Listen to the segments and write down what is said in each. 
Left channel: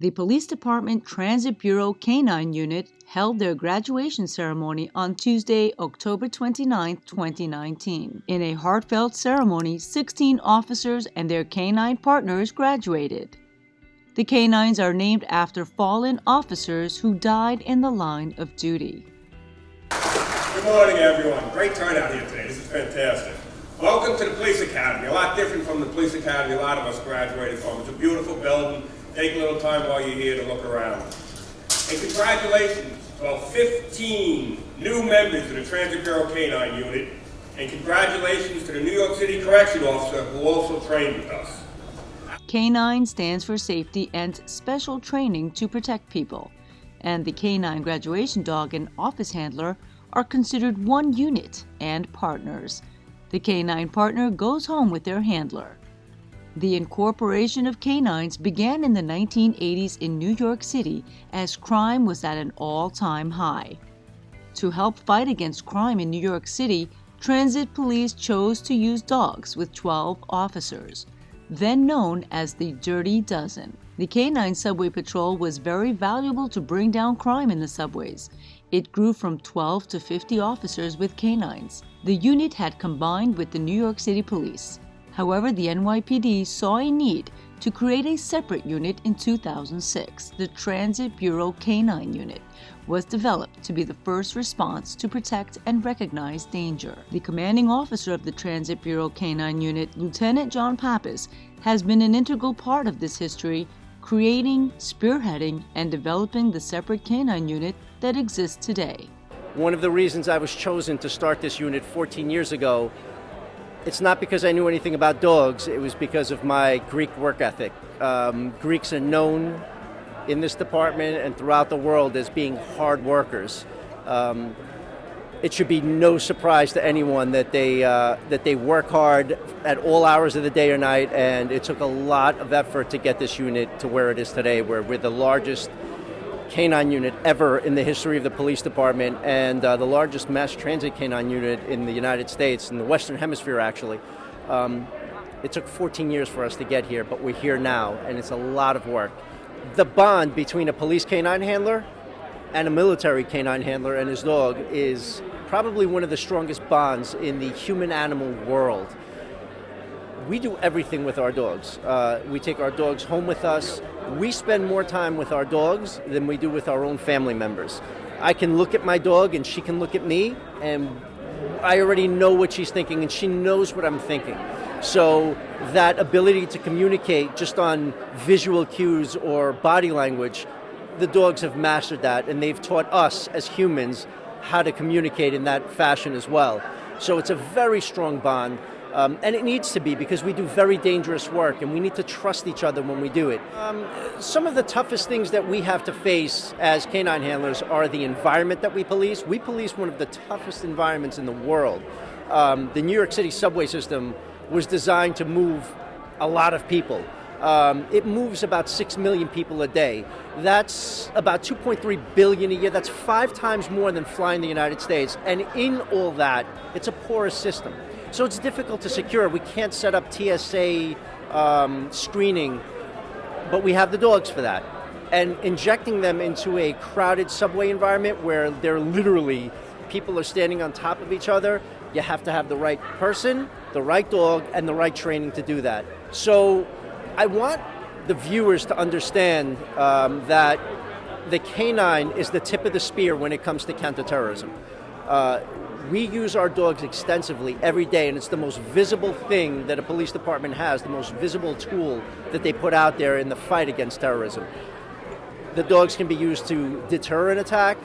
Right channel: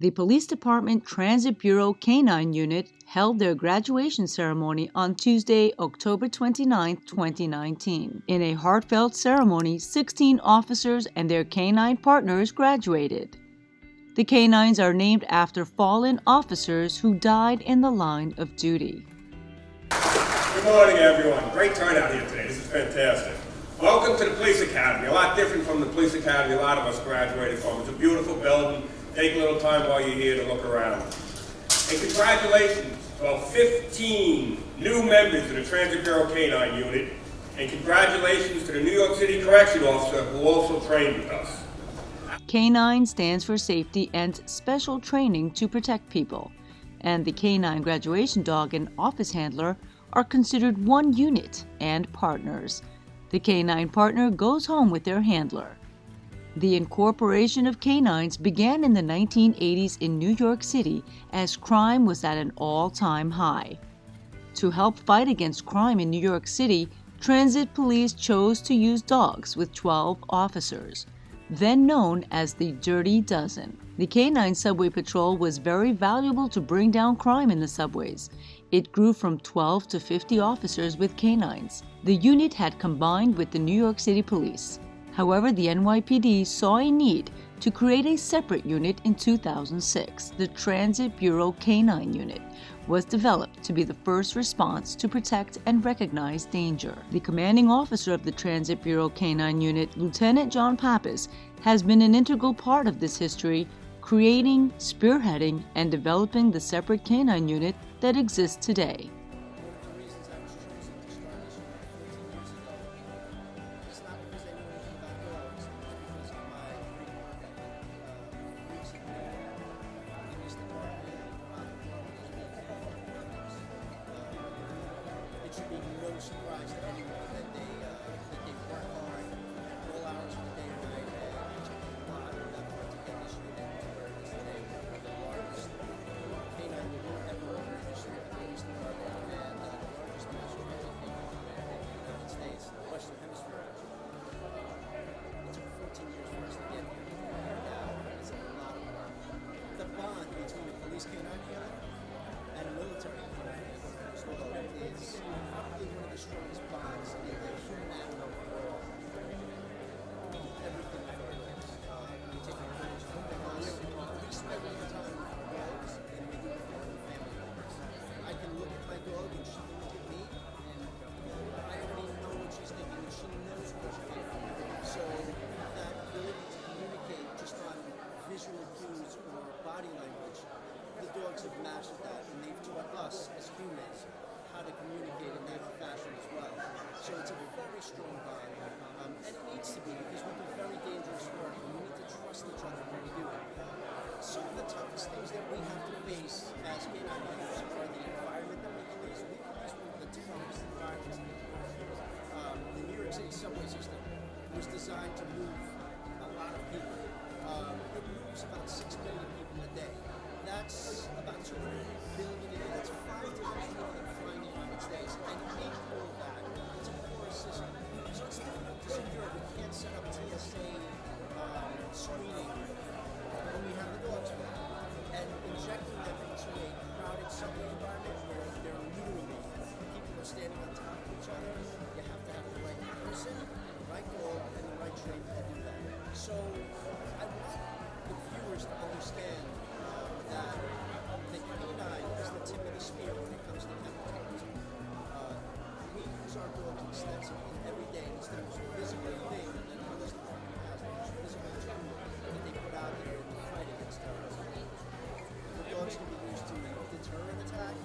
The Police Department Transit Bureau K-9 Unit held their graduation ceremony on Tuesday, October 29, 2019. In a heartfelt ceremony, 16 officers and their K-9 partners graduated. The K-9s are named after fallen officers who died in the line of duty. Good morning, everyone. Great turnout here today. This is fantastic. Welcome to the Police Academy. A lot different from the Police Academy a lot of us graduated from. It's a beautiful building. Take a little time while you're here to look around. And congratulations to 15 new members of the Transit Bureau K-9 Unit. And congratulations to the New York City Correction Officer who also trained with us. K-9 stands for safety and special training to protect people. And the K-9 graduation dog and office handler are considered one unit and partners. The K-9 partner goes home with their handler. The incorporation of K-9s began in the 1980s in New York City as crime was at an all-time high. To help fight against crime in New York City, transit police chose to use dogs with 12 officers, then known as the Dirty Dozen. The K-9 subway patrol was very valuable to bring down crime in the subways. It grew from 12 to 50 officers with K-9s. The unit had combined with the New York City Police. However, the NYPD saw a need to create a separate unit in 2006. The Transit Bureau K-9 Unit was developed to be the first response to protect and recognize danger. The commanding officer of the Transit Bureau K-9 Unit, Lieutenant John Pappas, has been an integral part of this history, creating, spearheading, and developing the separate K-9 unit that exists today. One of the reasons I was chosen to start this unit 14 years ago, it's not because I knew anything about dogs, it was because of my Greek work ethic. Greeks are known in this department and throughout the world as being hard workers. It should be no surprise to anyone that they work hard at all hours of the day or night, and it took a lot of effort to get this unit to where it is today, where we're the largest K-9 unit ever in the history of the police department and the largest mass transit K-9 unit in the United States, in the Western Hemisphere actually. It took 14 years for us to get here, but we're here now, and it's a lot of work. The bond between a police K-9 handler and a military K-9 handler and his dog is probably one of the strongest bonds in the human-animal world. We do everything with our dogs. We take our dogs home with us. We spend more time with our dogs than we do with our own family members. I can look at my dog and she can look at me, and I already know what she's thinking and she knows what I'm thinking. So that ability to communicate just on visual cues or body language, the dogs have mastered that, and they've taught us as humans how to communicate in that fashion as well. So it's a very strong bond. And it needs to be, because we do very dangerous work and we need to trust each other when we do it. Some of the toughest things that we have to face as K-9 handlers are the environment that we police. We police one of the toughest environments in the world. The New York City subway system was designed to move a lot of people. It moves about 6 million people a day. That's about 2.3 billion a year. That's 5 times more than flying the United States. And in all that, it's a porous system. So it's difficult to secure. We can't set up TSA screening, but we have the dogs for that. And injecting them into a crowded subway environment where they're literally, people are standing on top of each other, you have to have the right person, the right dog, and the right training to do that. So I want the viewers to understand that the K-9 is the tip of the spear when it comes to counterterrorism. We use our dogs extensively every day, and it's the most visible thing that a police department has, the most visible tool that they put out there in the fight against terrorism. The dogs can be used to deter an attack,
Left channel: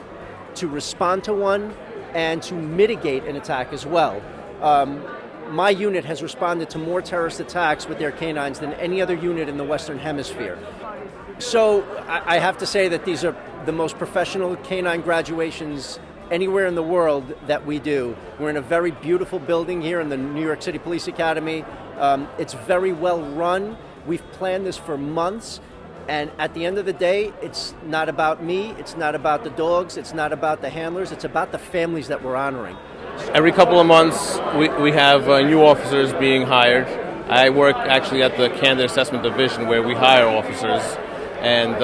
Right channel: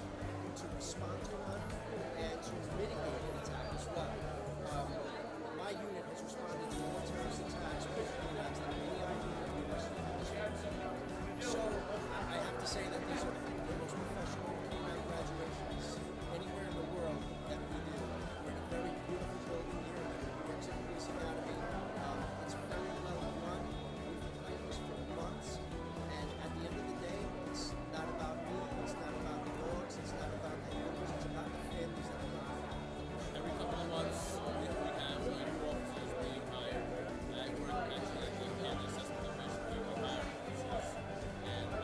to respond to one, and to mitigate an attack as well. My unit has responded to more terrorist attacks with their K-9s than any other unit in the Western Hemisphere. So I have to say that these are the most professional K-9 graduations anywhere in the world that we do. We're in a very beautiful building here in the New York City Police Academy. It's very well run. We've planned this for months, and at the end of the day, it's not about me, it's not about the dogs, it's not about the handlers, it's about the families that we're honoring. Every couple of months, we have new officers being hired. I work actually at the Candidate Assessment Division, where we hire officers. and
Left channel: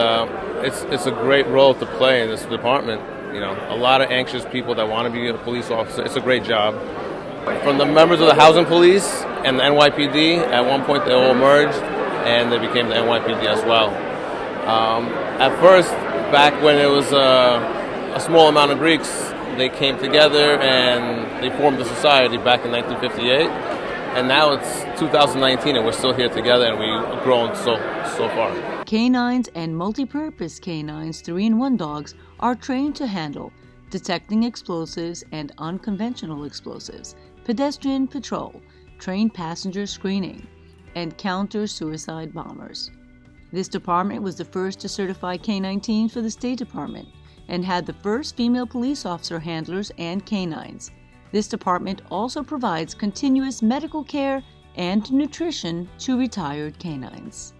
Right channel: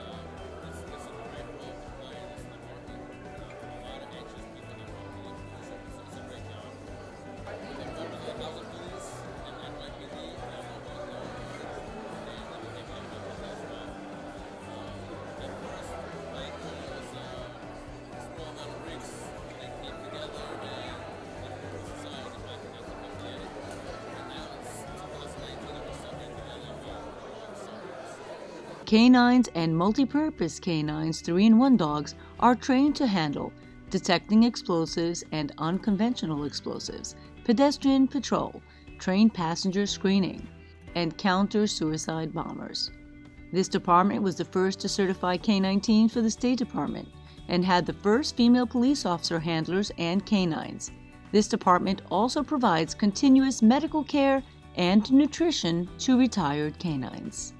it's a great role to play in this department. You know, a lot of anxious people that want to be a police officer. It's a great job. From the members of the housing police and the NYPD, at one point they all merged and they became the NYPD as well. At first, back when it was a small amount of Greeks, they came together and they formed a society back in 1958. And now it's 2019 and we're still here together and we've grown so far. Canines and multi-purpose canines 3-in-1 dogs are trained to handle detecting explosives and unconventional explosives, pedestrian patrol, trained passenger screening, and counter-suicide bombers. This department was the first to certify canine teams for the State Department and had the first female police officer handlers and canines. This department also provides continuous medical care and nutrition to retired canines.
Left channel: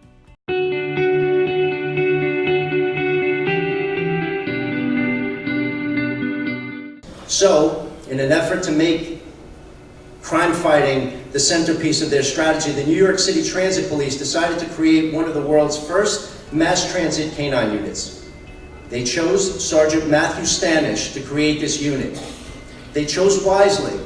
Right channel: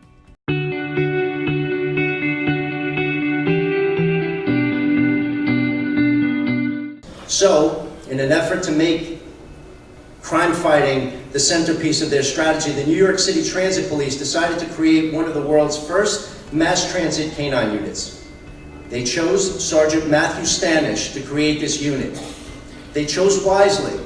So, in an effort to make crime fighting the centerpiece of their strategy, the New York City Transit Police decided to create one of the world's first mass transit canine units. They chose Sergeant Matthew Stanish to create this unit. They chose wisely.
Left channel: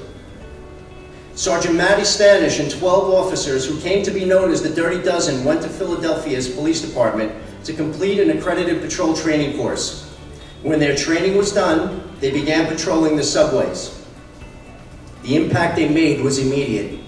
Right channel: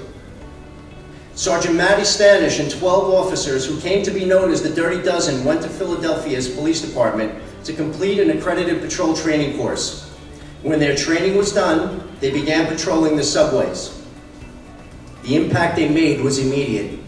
Sergeant Matty Stanish and 12 officers who came to be known as the Dirty Dozen went to Philadelphia's police department to complete an accredited patrol training course. When their training was done, they began patrolling the subways. The impact they made was immediate.